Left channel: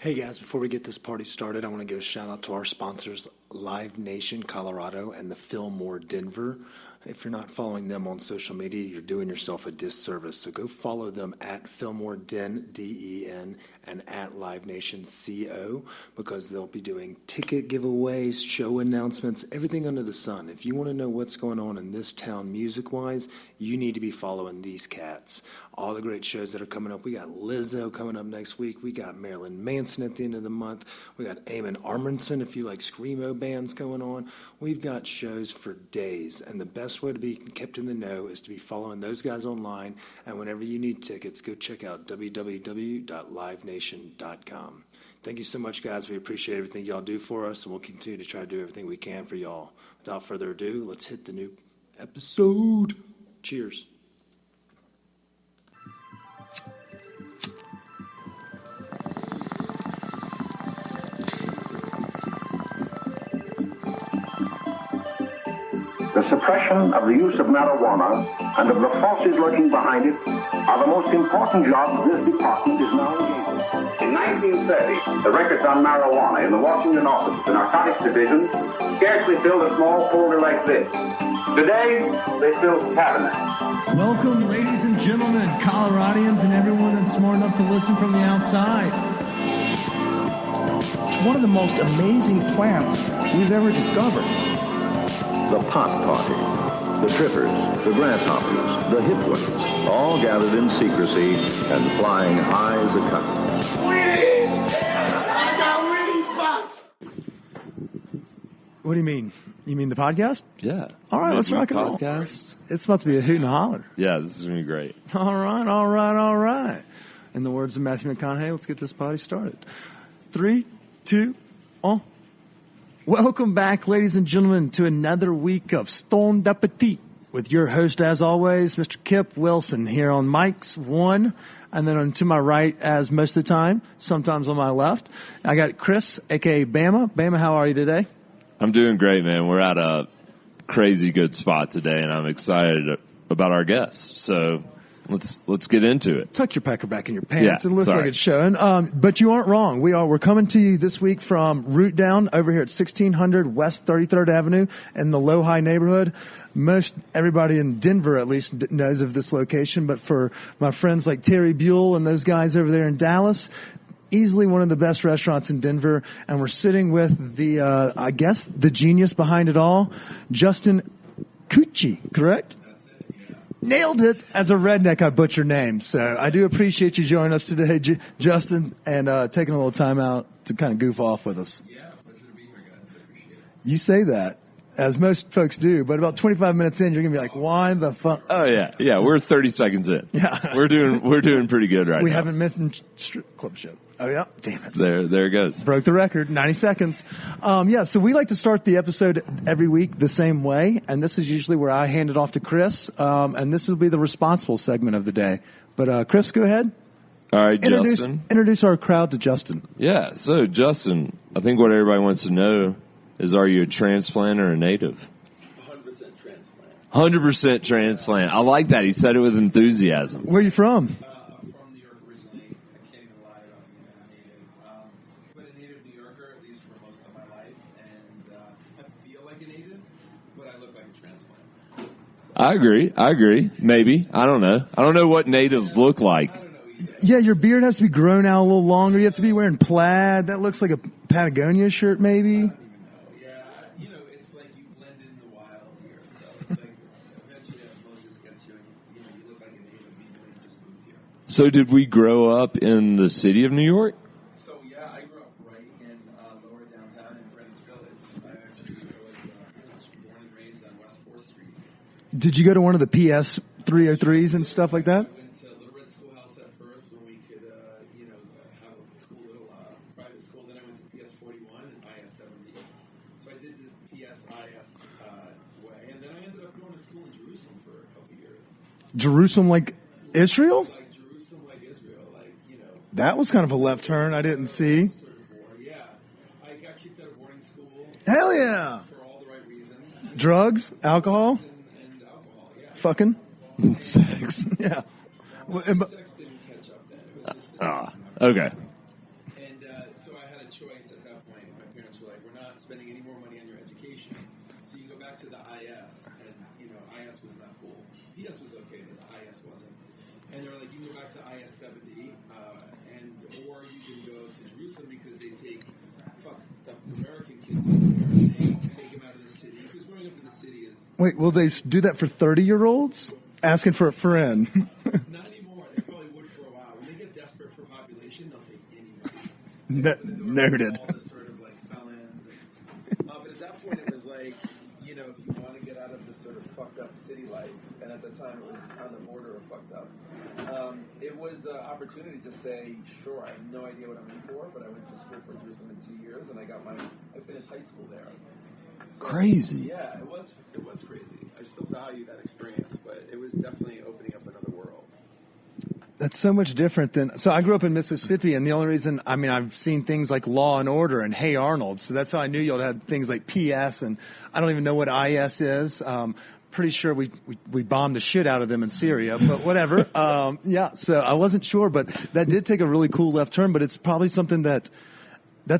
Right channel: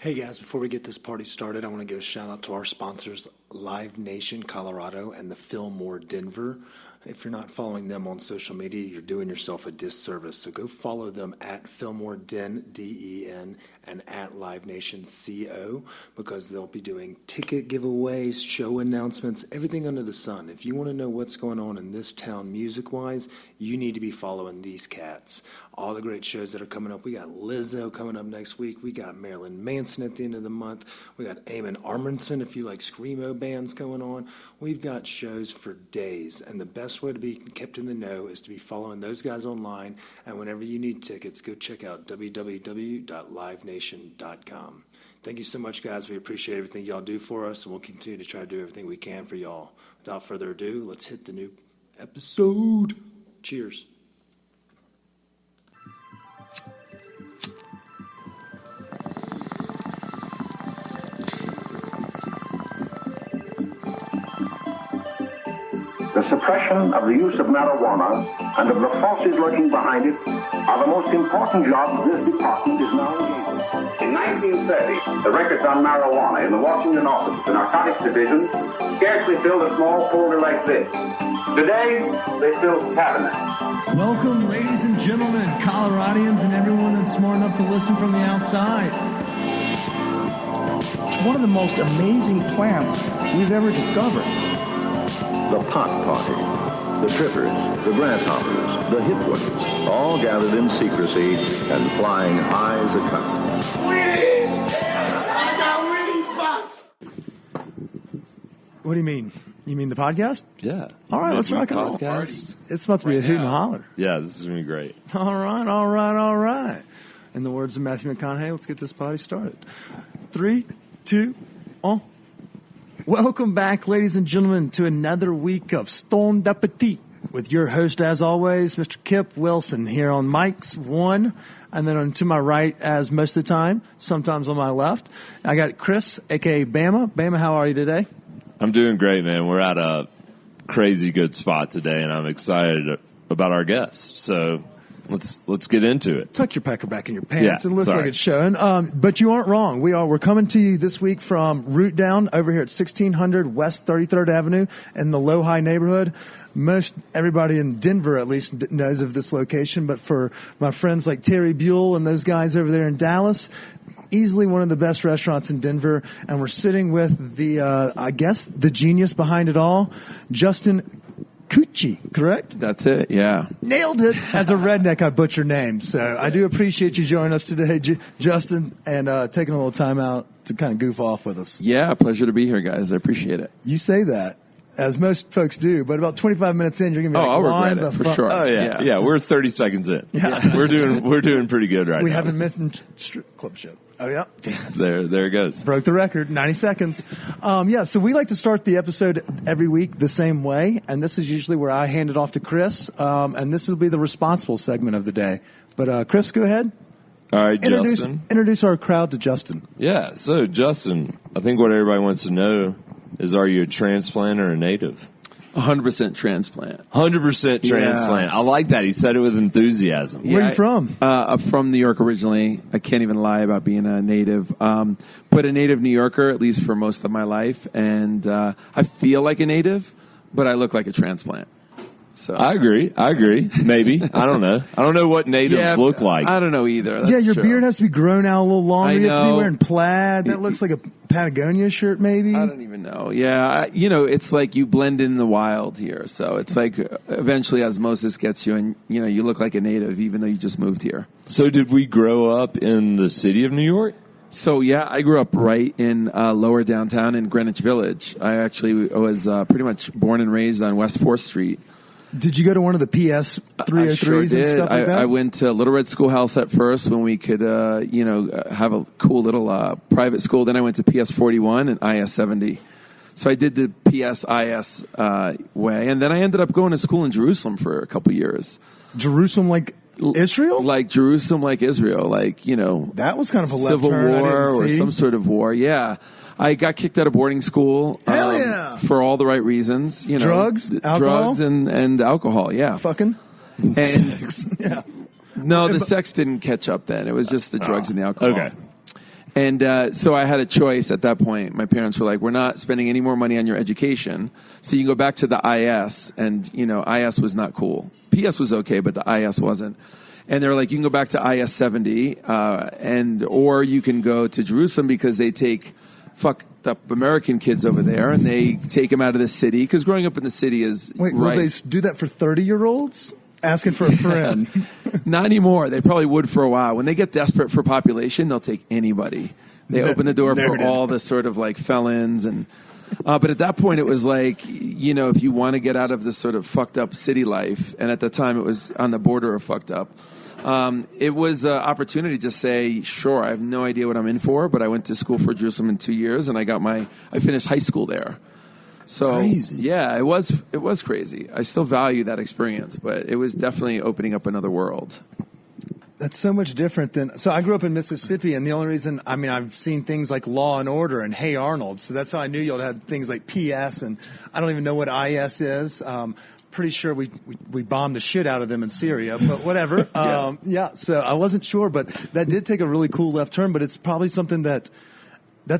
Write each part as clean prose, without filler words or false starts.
Hey guys, before we get this party started, I want to give a shout out to our sponsors, Live Nation Colorado and the Fillmore Denver. If you're not following them on social media, you're doing yourself a disservice. So go follow them at Fillmore Den, D-E-N, and at Live Nation CO, because they'll be doing ticket giveaways, show announcements, everything under the sun. If you want to know what's going on in this town music-wise, you need to be following these cats. All the great shows that are coming up. We got Lizzo coming up next week. We got Marilyn Manson at the end of the month. We got Eamon Armandson, if you like screamo bands going on. We've got shows for days, and the best way to be kept in the know is to be following those guys online, and whenever you need tickets, go check out www.livenation.com. Thank you so much, guys. We appreciate everything y'all do for us, and we'll continue to try to do everything we can for y'all. Without further ado, let's hit the new episode. Cheers. The suppression of the use of marijuana and of the forces lurking behind it are the most important jobs this department is now engaged in. In 1930, the records on marijuana in the Washington office of the Narcotics Division scarcely filled a small folder like this. Today, they fill cabinets. Welcome, ladies and gentlemen, Coloradians, and everyone that's smart enough to listen from the outside. It's one of the most amazing plants we've ever discovered. The pot party, the trippers, the grasshoppers, the hip ones, all gathered in secrecy and flying high as a kite. Wheaties! I got weed box! What do you mean? You mean the podcast? Yeah. All right, let's rock and roll. Podcast? It's about to be a hoot and holler. Yeah, this is going to be great. All right. In the words of Matthew McConaughey, let's get this party started. 3, 2, 1. Welcome back, ladies and gentlemen, to another week of Stoned Appetit with your host, as always, Mr. Kip Wilson, here on mics 1, and then on to my right, as most of the time, sometimes on my left, I got Chris, a.k.a. Bama. Bama, how are you today? I'm doing great, man. We're at a crazy good spot today, and I'm excited about our guests. So let's get into it. Tuck your pecker back in your pants. Yeah, it looks like it's showing. But you aren't wrong. We're coming to you this week from Root Down over here at 1600 West 33rd Avenue in the Low-High neighborhood. Most everybody in Denver at least knows of this location, but for my friends like Terry Buell and those guys over there in Dallas, easily one of the best restaurants in Denver. And we're sitting with the, I guess, the genius behind it all, Justin Cucci, correct? That's it, yeah. Nailed it. As a redneck, I butcher names. So I do appreciate you joining us today, Justin, and taking a little time out to kind of goof off with us. Yeah, pleasure to be here, guys. I appreciate it. You say that, as most folks do, but about 25 minutes in, you're going to be like, why the fuck? Sure. Oh, yeah. We're 30 seconds in. Yeah. We're doing pretty good right now. We haven't mentioned strip club shit. Oh, yeah. Damn it. There it goes. Broke the record, 90 seconds. So we like to start the episode every week the same way, and this is usually where I hand it off to Chris, and this will be the responsible segment of the day. But, Chris, go ahead. All right, Justin. Introduce our crowd to Justin. Yeah, so, Justin, I think what everybody wants to know is, are you a transplant or a native? 100% transplant. 100% transplant. Yeah. I like that. He said it with enthusiasm. Where are you from? I'm from New York originally. I can't even lie about being a native. But a native New Yorker, at least for most of my life. And I feel like a native, but I look like a transplant. So I agree. Maybe. I don't know. I don't know what natives look like. I don't know either. That's your beard has to be grown out a little longer. You have to be wearing plaid. That looks like a Patagonia shirt, maybe. I don't even know. Yeah. It's like you blend in the wild here. So it's like eventually osmosis gets you, and, you look like a native even though you just moved here. So did we grow up in the city of New York? So, yeah, I grew up right in lower downtown in Greenwich Village. I actually was pretty much born and raised on West 4th Street. Did you go to one of the PS 303s and stuff like that? I went to Little Red Schoolhouse at first when we could, have a cool little private school. Then I went to PS 41 and IS 70. So I did the PS IS way. And then I ended up going to school in Jerusalem for a couple years. Jerusalem like Israel? Like Jerusalem like Israel. That was kind of a left turn I didn't see. Or some sort of war, yeah. I got kicked out of boarding school. Hell yeah! For all the right reasons. Drugs? Alcohol? Drugs and alcohol, yeah. Fucking? And sex. Yeah. No, the sex didn't catch up then. It was just the drugs and the alcohol. Okay. And so I had a choice at that point. My parents were like, we're not spending any more money on your education, so you can go back to the IS. And, IS was not cool. PS was okay, but the IS wasn't. And they were like, you can go back to IS 70, or you can go to Jerusalem because they take fucked up American kids over there, and they take them out of the city, because growing up in the city is... Wait, will they do that for 30-year-olds? Asking for a friend. Not anymore. They probably would for a while. When they get desperate for population, they'll take anybody. They open the door for all the sort of like felons and... but at that point, it was like, if you want to get out of this sort of fucked up city life, and at the time it was on the border of fucked up, it was an opportunity to say, sure, I have no idea what I'm in for, but I went to school for Jerusalem in 2 years, and I finished high school there. So crazy. Yeah, it was crazy. I still value that experience, but it was definitely opening up another world. That's so much different than... So I grew up in Mississippi, and the only reason... I've seen things like Law and Order and Hey Arnold, so that's how I knew y'all had things like PS, and I don't even know what IS is. Pretty sure we bombed the shit out of them in Syria, but whatever. So I wasn't sure, but that did take a really cool left turn, but it's probably something that's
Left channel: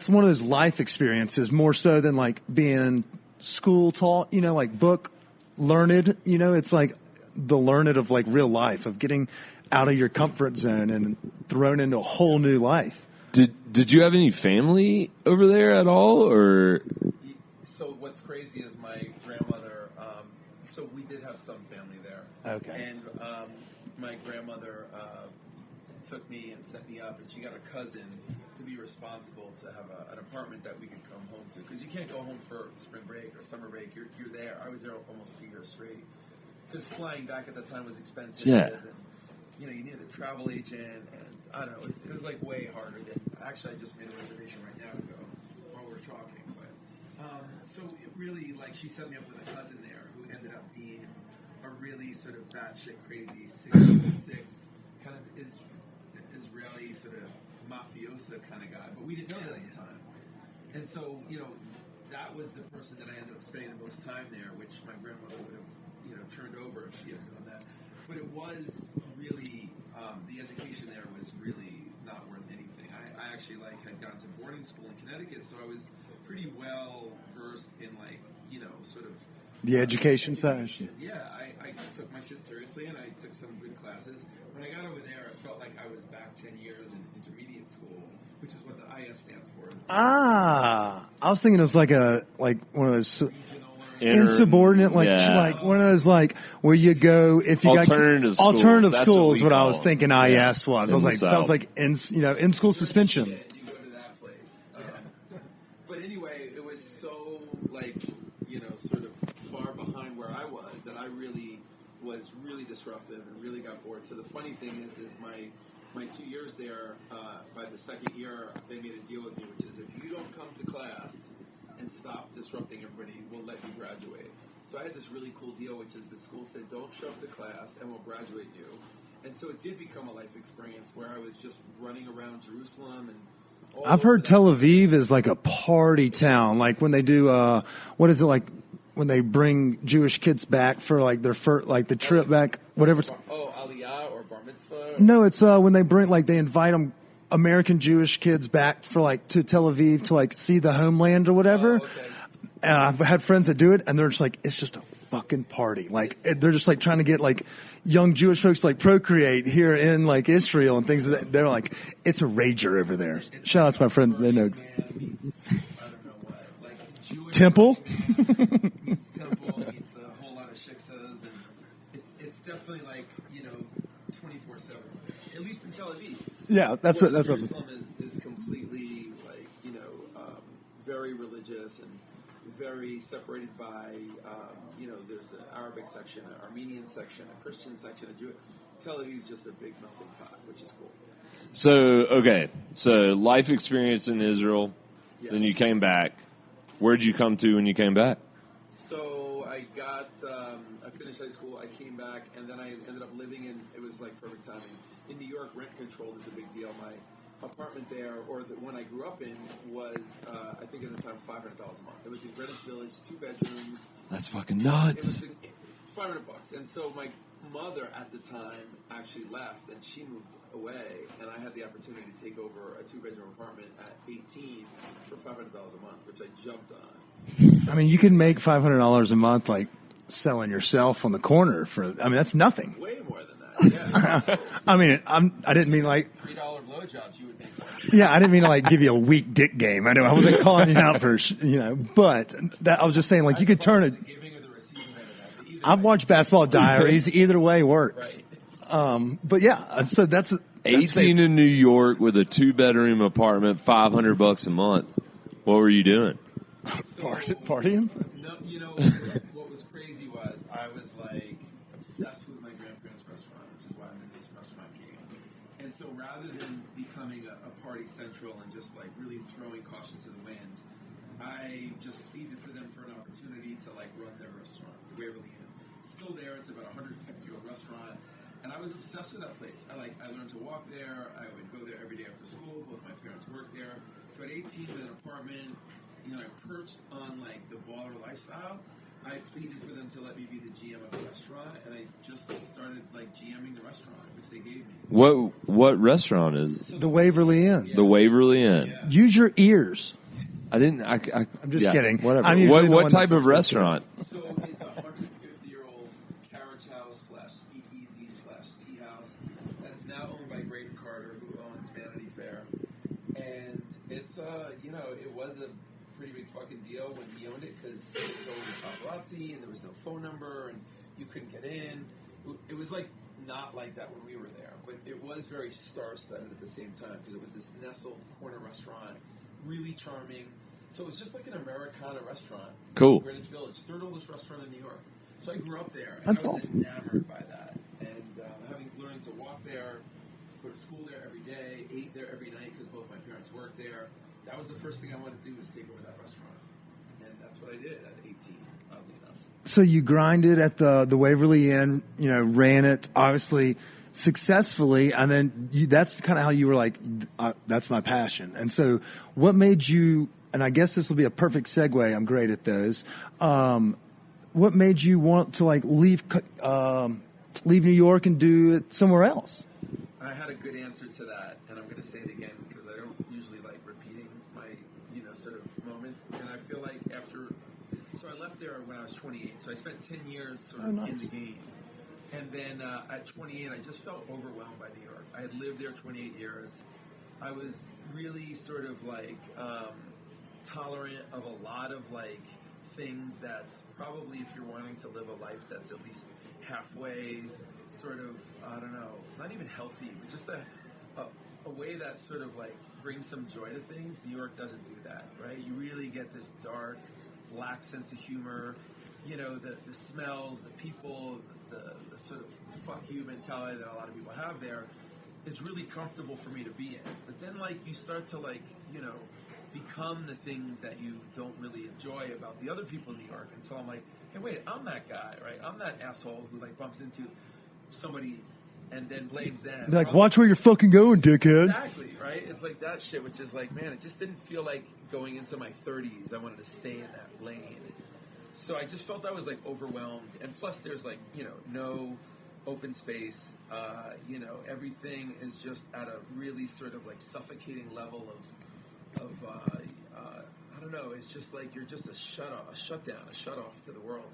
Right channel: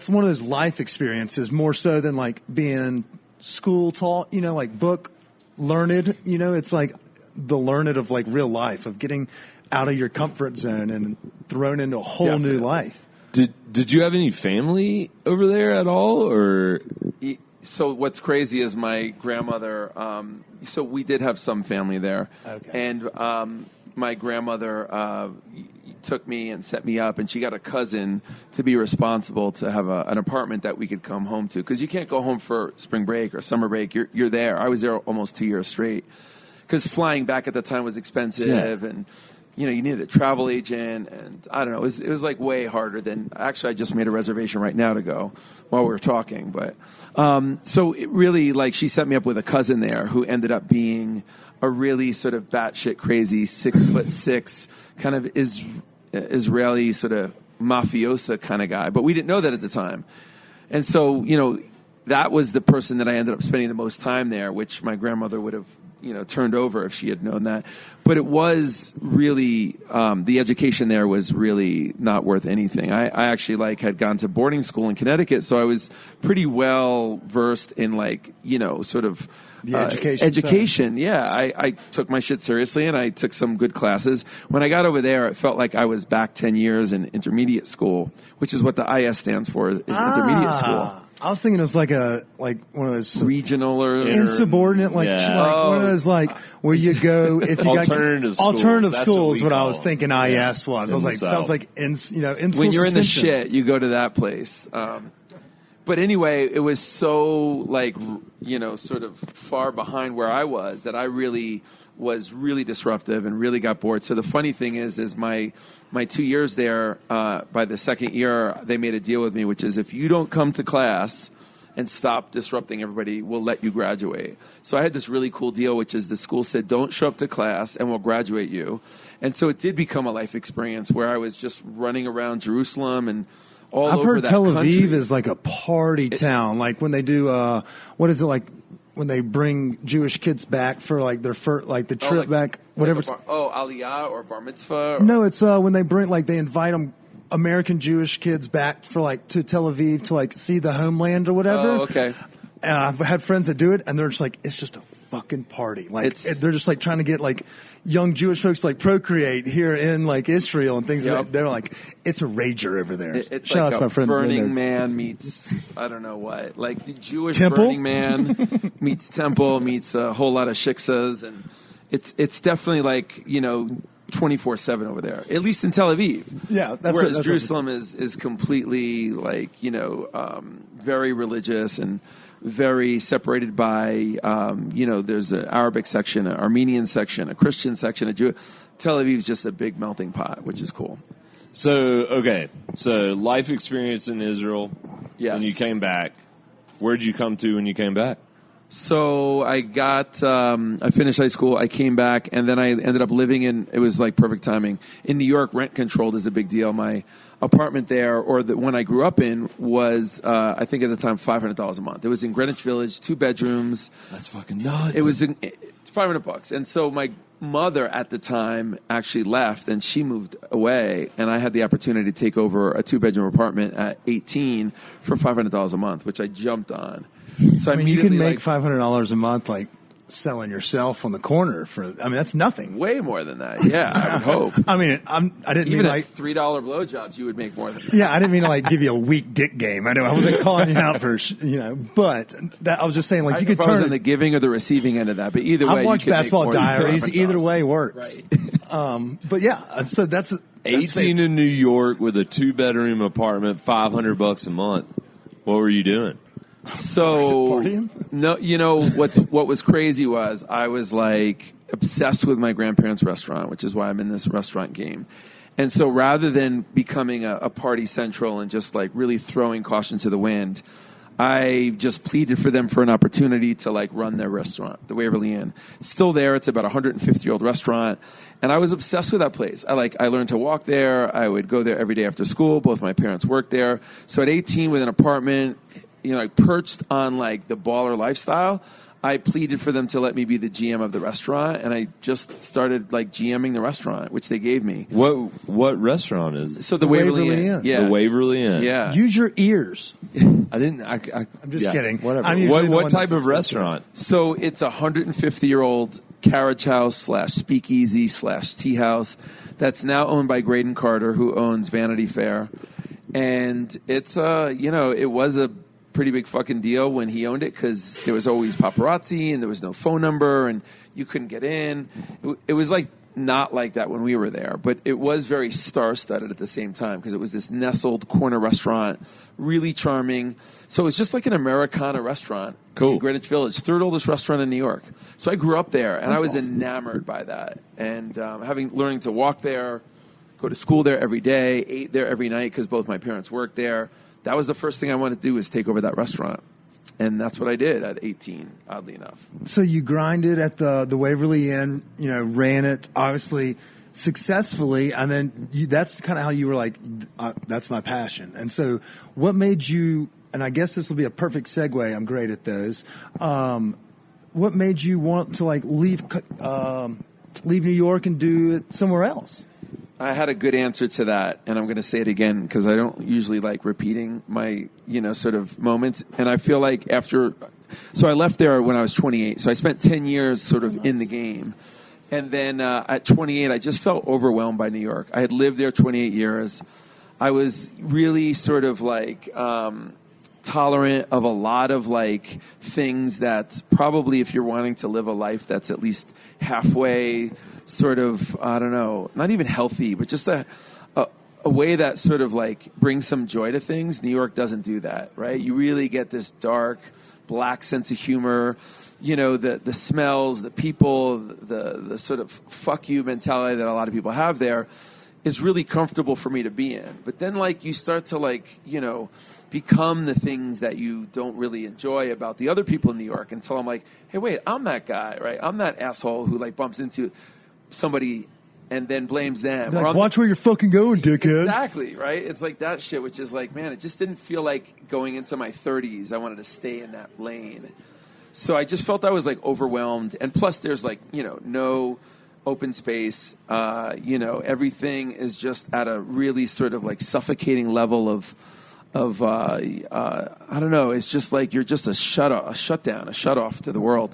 one of those life experiences, more so than like being school taught, like book learned, it's like the learned of like real life, of getting out of your comfort zone and thrown into a whole new life. Did you have any family over there at all, or? So what's crazy is my grandmother, so we did have some family there. Okay. And my grandmother took me and set me up, and she got a cousin to be responsible to have an apartment that we could come home to, because you can't go home for spring break or summer break. You're there. I was there almost 2 years straight, because flying back at the time was expensive, and you needed a travel agent, and I don't know, it was like way harder than... Actually, I just made a reservation right now to go while we were talking, but so it really, like, she set me up with a cousin there who ended up being a really sort of batshit crazy 6'6" kind of Israeli sort of mafiosa kind of guy, but we didn't know that at the time. And so, that was the person that I ended up spending the most time there, which my grandmother would have, turned over if she had known that. But it was really, the education there was really not worth anything. I actually had gone to boarding school in Connecticut, so I was pretty well versed in sort of the education. Yeah, I took my shit seriously, and I took some good classes. When I got over there, it felt like I was back 10 years in intermediate school, which is what the IS stands for, is intermediate school. I was thinking it was like one of those regional or insubordinate, one of those where you go if you alternative schools. Is what I was thinking IS was. I was like, sounds like in school when you're suspension. In the shit, you go to that place. But anyway, it was so sort of far behind where I was that I really was really disruptive and really got bored. So the funny thing is my 2 years there, by the second year, they made a deal with me, which is if you don't come to class and stop disrupting everybody, we'll let you graduate. So I had this really cool deal, which is the school said, don't show up to class and we'll graduate you. And so it did become a life experience where I was just running around Jerusalem and all over. I've heard Tel Aviv country. is like a party town. Like when they do, what is it like? When they bring Jewish kids back for their the trip back, whatever. Aliyah or bar mitzvah. No, it's when they they invite them American Jewish kids back for to Tel Aviv to see the homeland or whatever. Oh, okay. And I've had friends that do it, and they're just it's just a fucking party. They're just trying to get young Jewish folks to procreate here in Israel and things. Yep. They're it's a rager over there. It's Shout out to my friends. Burning Man meets I don't know what, the Jewish Temple? Burning Man meets Temple meets a whole lot of shiksas, and it's definitely 24/7 over there, at least in Tel Aviv. Yeah, that's Whereas Jerusalem is completely very religious and very separated by, there's an Arabic section, an Armenian section, a Christian section, a Jew. Tel Aviv is just a big melting pot, which is cool. So life experience in Israel. Yes. And you came back. Where'd you come to when you came back? So I finished high school, I came back, and then I ended up living it was perfect timing. In New York, rent controlled is a big deal. My apartment there, or the one I grew up in, was I think at the time $500 a month. It was in Greenwich Village, 2 bedrooms. That's fucking nuts. It was it's $500, and so my mother at the time actually left, and she moved away, and I had the opportunity to take over a 2-bedroom apartment at 18 for $500 a month, which I jumped on. So I mean, you can make $500 a month, like selling yourself on the corner that's nothing. Way more than that. Yeah, I would hope. I mean, I didn't Even mean like $3 blowjobs, you would make more than that. Yeah, I didn't mean to like give you a weak dick game. I wasn't calling you out for, but I was just saying like you could turn on the giving or the receiving end of that, but either way. I've watched Basketball Diaries. Either way works. Right. But yeah, so that's 18 in New York with a 2-bedroom apartment, $500 a month. What were you doing? So partying? No, what was crazy was I was like obsessed with my grandparents' restaurant, which is why I'm in this restaurant game. And so rather than becoming a party central and just like really throwing caution to the wind, I just pleaded for them for an opportunity to like run their restaurant, the Waverly Inn. It's still there. It's about a 150-year-old restaurant. And I was obsessed with that place. I learned to walk there. I would go there every day after school. Both my parents worked there. So at 18 with an apartment, perched on like the baller lifestyle, I pleaded for them to let me be the GM of the restaurant, and I just started like GMing the restaurant, which they gave me. What restaurant is it? So the Waverly Inn. Yeah. The Waverly Inn. Yeah. Use your ears. I'm just kidding. Whatever. What type of restaurant? So it's a 150-year-old carriage house / speakeasy / tea house that's now owned by Graydon Carter, who owns Vanity Fair, and it's it was a pretty big fucking deal when he owned it because there was always paparazzi and there was no phone number and you couldn't get in. It was like not like that when we were there, but it was very star-studded at the same time because it was this nestled corner restaurant, really charming. So it was just like an Americana restaurant in Greenwich Village, 3rd oldest restaurant in New York. So I grew up there, and I was enamored by that. And learning to walk there, go to school there every day, ate there every night because both my parents worked there. That was the first thing I wanted to do was take over that restaurant. And that's what I did at 18, oddly enough. So you grinded at the Waverly Inn, ran it obviously successfully, and then that's kind of how you were like, that's my passion. And so what made you, and I guess this will be a perfect segue, I'm great at those, what made you want to like leave New York and do it somewhere else? I had a good answer to that, and I'm going to say it again because I don't usually like repeating my, sort of moments. And I feel like so I left there when I was 28. So I spent 10 years sort of in the game. And then at 28, I just felt overwhelmed by New York. I had lived there 28 years. I was really sort of like tolerant of a lot of like things that probably if you're wanting to live a life that's at least halfway sort of, I don't know, not even healthy, but just a way that sort of like brings some joy to things. New York doesn't do that, right? You really get this dark, black sense of humor, the smells, the people, the sort of fuck you mentality that a lot of people have there is really comfortable for me to be in. But then like you start to like, become the things that you don't really enjoy about the other people in New York until I'm like, hey, wait, I'm that guy, right? I'm that asshole who like bumps into somebody and then blames them. Like, watch where you're fucking going, dickhead. Exactly, right? It's like that shit, which is like, man, it just didn't feel like going into my 30s. I wanted to stay in that lane. So I just felt I was like overwhelmed. And plus there's like, no open space. Everything is just at a really sort of like suffocating level of I don't know. It's just like you're just a shutdown, a shut off to the world.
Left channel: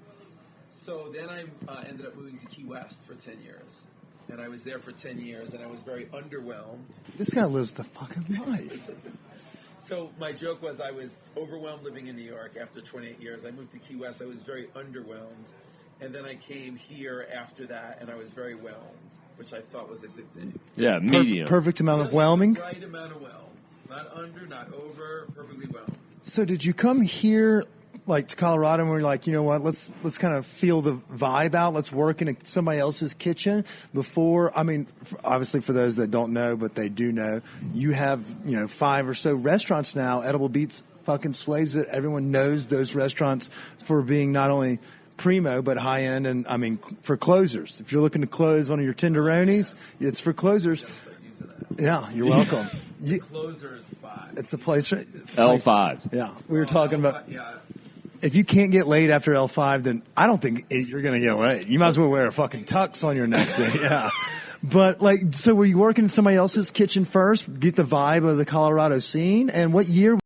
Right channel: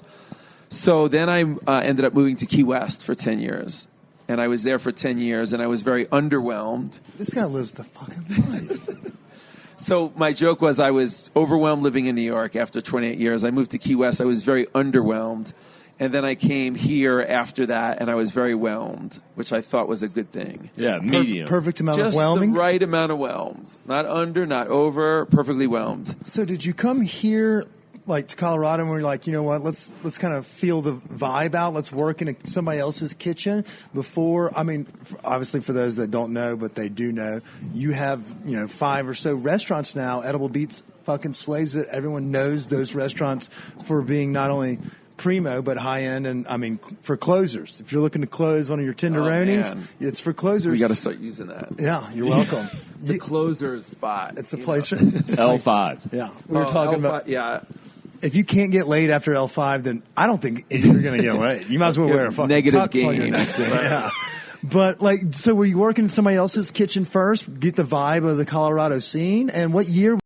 So then I ended up moving to Key West for 10 years. And I was there for 10 years, and I was very underwhelmed. This guy lives the fucking life. So my joke was I was overwhelmed living in New York after 28 years. I moved to Key West. I was very underwhelmed. And then I came here after that, and I was very whelmed, which I thought was a good thing. Yeah, medium. Perfect amount Just of whelming? the right amount of whelmed. Not under, not over, perfectly whelmed. So did you come here like to Colorado and we're like, you know what, let's kind of feel the vibe out. Let's work in somebody else's kitchen before. I mean, obviously for those that don't know, but they do know, you have, 5 or so restaurants now. Edible Beats fucking slaves it. Everyone knows those restaurants for being not only primo, but high end, and I mean for closers. If you're looking to close one of your tenderonis, it's for closers. You got to start using that. Yeah, you're welcome. The closer's spot. It's a place. L5. Yeah, we were talking L5, about. Yeah. If you can't get laid after L5, then I don't think you're going to get laid. You might as well wear a fucking Negative tux on your gain. next day. Yeah. But like, so were you working in somebody else's kitchen first? Get the vibe of the Colorado scene, and what year